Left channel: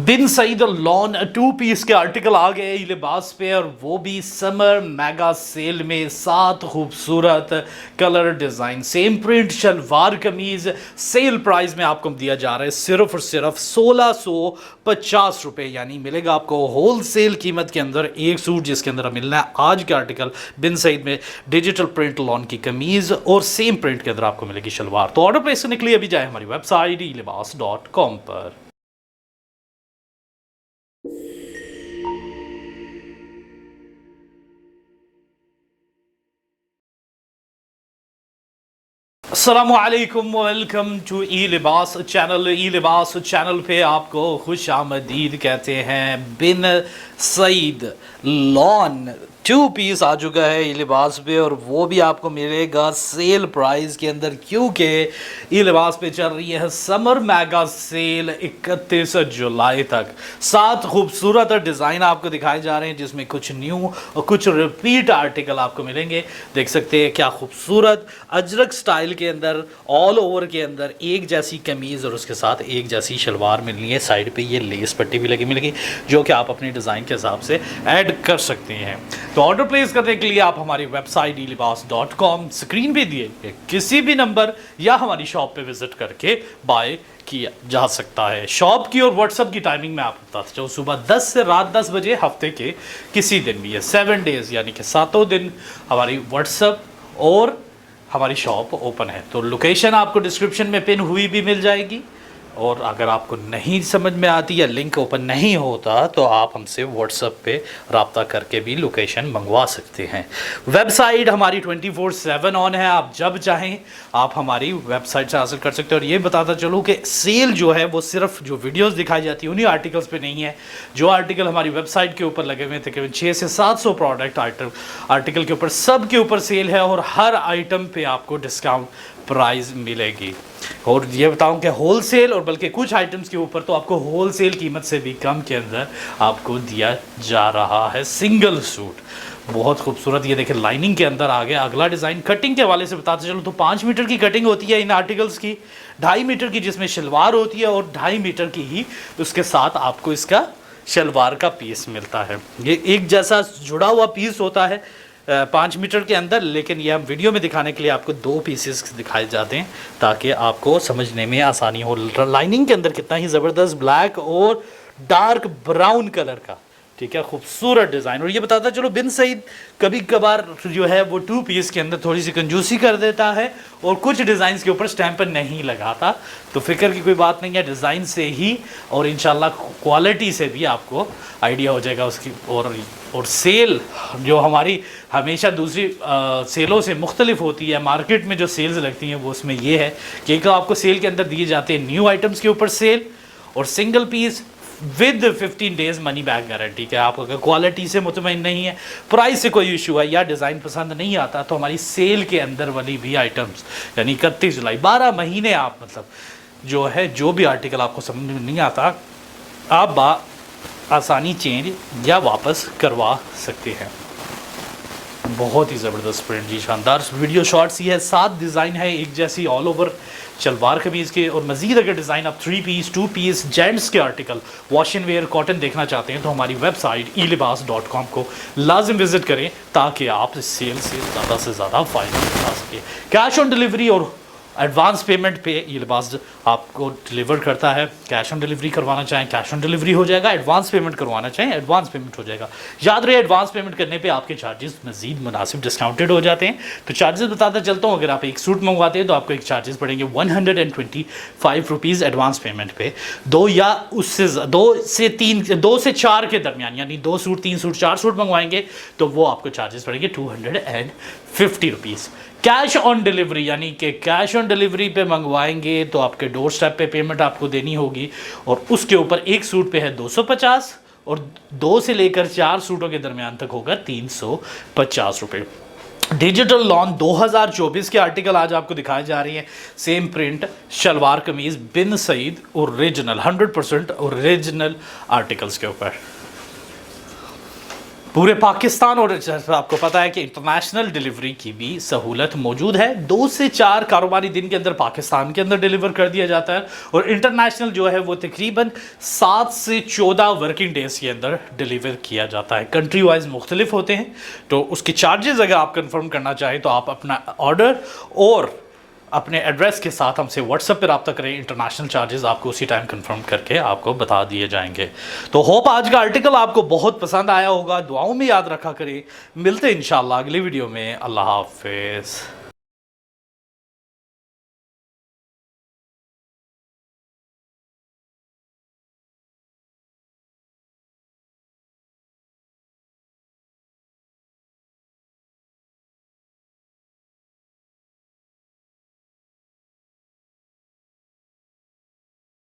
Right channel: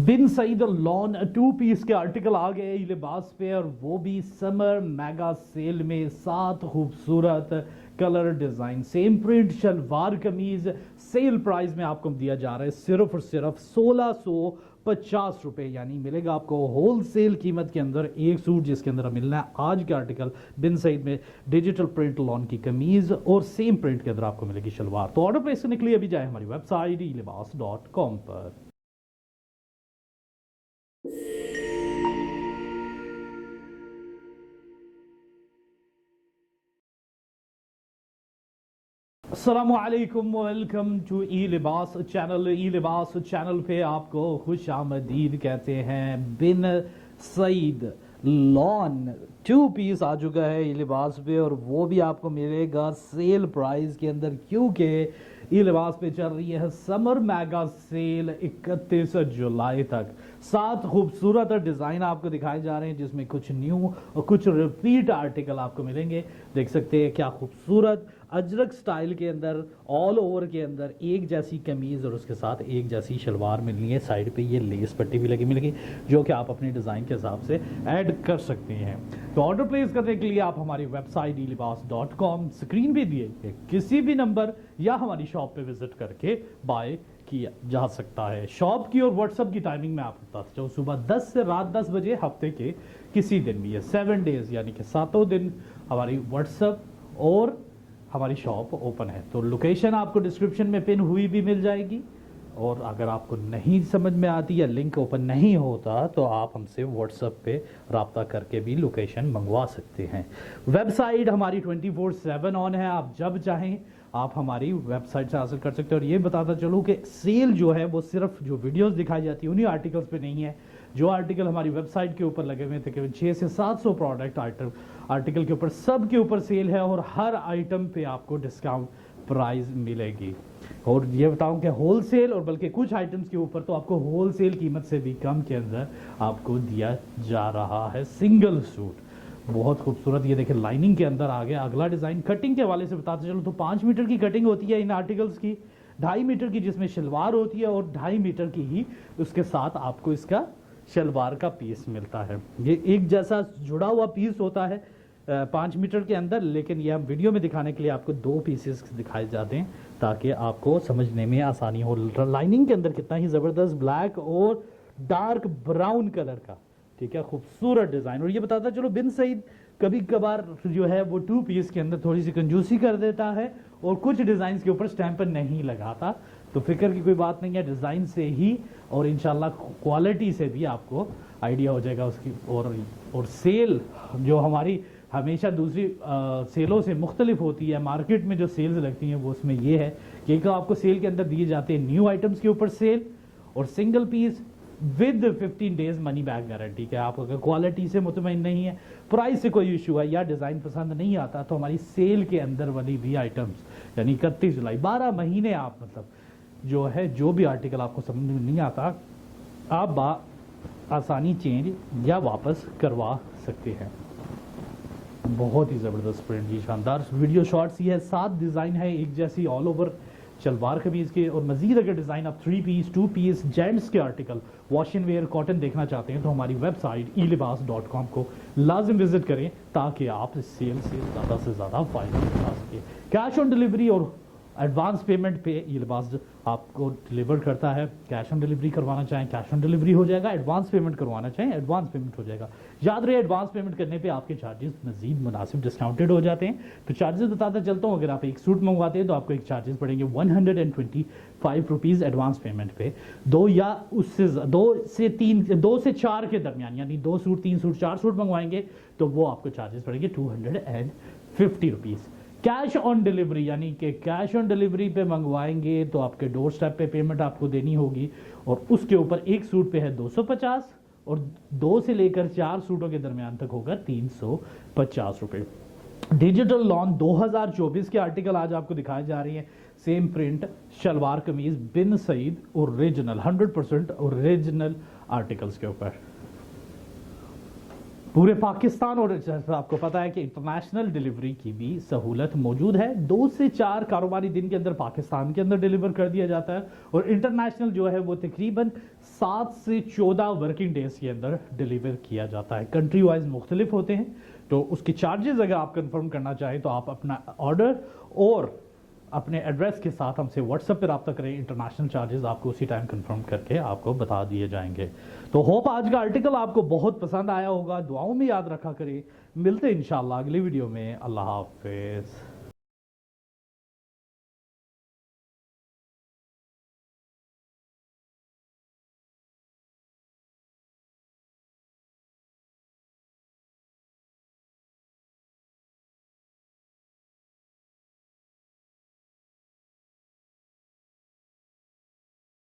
बिन Saeed lawn 2 piece के article आ गए लिबास पे, और वो भी समर मेगा सेल में। 7 खूबसूरत colour design, same print, salwar kameez sale price में आपको दिया जा रहा है सिर्फ और सिर्फ 1650 रुपये। यानी मिलेगा आपको होल सेल कीमत के अंदर एक सूट, जिसके अंदर मिलना है आज के आर्टिकल बिन सईद में डिजिटल प्रिंट लॉन की कमीज, और सेम प्रिंट के अंदर आपको मिलेगी शलवार। तो ऑर्डर प्लेस करने के लिए अभी जाए हमारी वेबसाइट ilibas.com पर। अस्सलामुअलैकुम, वेलकम टू ई लिबास चैनल। ई लिबास चैनल पे आपको खुश आमदीद कहते हैं। बिन सईद लॉन 2 पीस आ चुका है ई लिबास पे, और वो भी आपको मिलेगा सेल प्राइस के अंदर, क्योंकि ई लिबास पे चल रही है समर मेगा सेल 31 जुलाई तक। 7 खूबसूरत डिज़ाइन आपको दिखाए जा रहे हैं, जिसमें कुछ न्यू और कुछ रिपीट आर्टिकल आपको मिलेंगे। देख सकते हैं क्या खूबसूरत अजरक स्टाइल के अंदर, ऑल ओवर के अंदर एक जैसी कमीज़ और उसके साथ एक जैसी शलवार मिलनी है। साइड पे ये लेस पट्टी भी लगी मिलेगी, जो कि आप अपने डिज़ाइन के हिसाब से ऐड कर सकते हैं। तो ऑर्डर प्लेस करने के लिए आप हमारी वेबसाइट ilibas.com, स्क्रीन पे दिए किसी भी नंबर या हमारी शॉप पे विजिट करके बाय किया जा सकता है। शॉप की और व्हाट्सअप की टाइमिंग में आपको बताता चाहूँ, सुबह 10 से रात 10 बजे, हफ्ते के किसी दिन भी है, 7 डेज़ यानी कि 7 दिन हमारी व्हाट्सअप और हमारी शॉप ओपन है। तो लोकेशन आपको डिस्क्रिप्शन में पिन हुई भी मिल जाएगी, और अगर आपको नहीं समझ में आती या लिंक ओपन नहीं होता तो आप हमसे व्हाट्सएप पे रब्ता करके भी लोकेशन मंगवा सकते हैं। वेबसाइट हमारी 24/7 ऑन है, आप जब चाहें आप हमारी वेबसाइट से हासिल कर सकते हैं। और ये बताता चलूँ कि सेल जो है वो सिर्फ जो वीडियोस दिखाई जाती है उन्हीं आर्टिकल्स पे नहीं है। जो आर्टिकल हमारी वेबसाइट के ऊपर लगे हुए हैं, तकरीबन 600 से 700 प्रोडक्ट आर्टिकल के ऊपर, सब के ऊपर सेल है, और हर आइटम पे आपको डिस्काउंट प्राइस मिलेगी। और ये बताऊं कि होल सेल, और बल्कि कुछ आइटम्स के ऊपर तो आपको होल सेल कीमत से भी कम के अंदर आपको दिया जा रहा है सिंगल सूट। बहुत खूबसूरत, ये देखें लाइनिंग के अंदर आ गया। अगला डिज़ाइन कटिंग के हवाले से बताते चलो तो 5 मीटर की कटिंग होती है इन आर्टिकल्स की, 2.5 मीटर की जिसमें शलवार होती है, और 2.5 मीटर की ही उसके साथ आपको इसका शलवार का पीस मिलता है। ये एक जैसा जुड़ा हुआ पीस होता है 5 मीटर के अंदर, लेकिन ये हम वीडियो में दिखाने के लिए आपको 2 पीसेस दिखाए जाते हैं ताकि आपको समझने में आसानी हो। लाइनिंग के अंदर कितना ही ज़बरदस्त ब्लैक और डार्क ब्राउन कलर का, ठीक है, खूबसूरत डिज़ाइन। और ये बताता चलो बिन सईद कभी कभार जो है वो 2 पीस के अंदर थोड़ी सी कंजूसी कर देता है, और कुछ डिज़ाइन के ऊपर स्टैंप नहीं लगाता। तो फिक्र की कोई बात नहीं है, डिज़ाइन से ही और इंशाल्लाह क्वालिटी से भी आपको आइडिया हो जाएगा उसकी। और सेल जो हमारी हमेशा दूसरी सेलों से मुख्तलिफ होती है, मार्केट में जो सेल्स लगती हैं वो उसमें ये है कि एक तो आपको सेल के अंदर दिए जाते हैं न्यू आइटम्स के ऊपर सेल, और single peace with 15 days money back guarantee. क्या आप अगर क्वालिटी से मुतमईन नहीं है, प्राइस से कोई इशू है या डिज़ाइन पसंद नहीं आता, तो हमारी सेल के अंदर वाली भी आइटम्स यानी 31 जुलाई 12 महीने आप मतलब जो है जो भी आर्टिकल आपको समझ में नहीं आता आप आसानी चेंज या वापस करवा सकते हैं। बहुत ही ज़बरदस्त प्रिंट जी, शानदार वीडियो शॉर्ट्स। ये है 7 डिज़ाइन है एक जैसी ऑल ओवर शलवार कमीज़ के, और मज़ीद अगर डिज़ाइन आप 3 पीस 2 पीस जेंट्स के article wash and where cotton देखना चाहते हैं तो हमारी वेबसाइट ilibas.com को लाजिम विज़िट करें ताकि आप इस सेल से ज़्यादा फ़ायदा उठा सकें। कैश ऑन डिलीवरी और एडवांस पेमेंट पे ई लिबास आपको डिलीवर करता है। कैश ऑन डिलीवरी करवाना चाहें कैश ऑन डिलीवरी हो जाएगा, एडवांस पेमेंट करवाना चाहें एडवांस पेमेंट हो जाएगा। याद रहे एडवांस पेमेंट करने पे आपके चार्जेस मजीद मुनासिब डिस्काउंटेड हो जाते हैं। तो चार्जेस बताता चलता हूँ, अगर आप एक सूट मंगवाते हैं तो आपको एक चार्जेस पड़ेंगे 125 रुपीज़ एडवांस पेमेंट पे। 2 से 4 के दरमियान, यानी 2 सूट 3 सूट 4 सूट मंगवाएंगे तो वो आपको चार्जेस पड़ेंगे 250 रुपीज़। कैश ऑन डिलीवरी यानी कि कैश ऑन डिलीवरी पे मंगवाएंगे तो आपके डोर स्टेप पे पेमेंट आपको देनी होगी, और उसके ऊपर एक सूट पे है 250, और 2 से लेकर 4 सूटों के दरमियान तक होगा 350 रुपये। डिजिटल लॉन 2024 के आर्टिकल आज आपको दिखाए जा रही हैं। सेम प्रिंट शलवार कमीज़ बिन सईद ओरिजिनल 100% ओरिजिनल आर्टिकल्स के ऊपर। पूरे पाकिस्तान और आपको पता है कि इंटरनेशनल डिलीवरी की भी सहूलत मौजूद है। 2 से 4 कारोबारी दिन के अंदर पाकिस्तान के अंदर डिलीवर कर दिया जाता है और इंटरनेशनल जो है वो तकरीबन 7 से 14 वर्किंग डेज के अंदर डिलीवर किया जाता है। कंट्री वाइज मुख्तलिफ होते हैं, तो उसके चार्जेस अगर आप कंफर्म करना चाहें तो आप अपना ऑर्डर और अपने एड्रेस के साथ हमसे व्हाट्सएप पर रब्ता करें। इंटरनेशनल चार्जेस आपको उसी टाइम कंफर्म करके आपको बता दिए जाएंगे। तो होप आज का आर्टिकल आपको बहुत पसंद आया होगा, दुआओं में याद रखा करें। मिलते हैं इंशाल्लाह अगली वीडियो में। अल्लाह हाफिज़।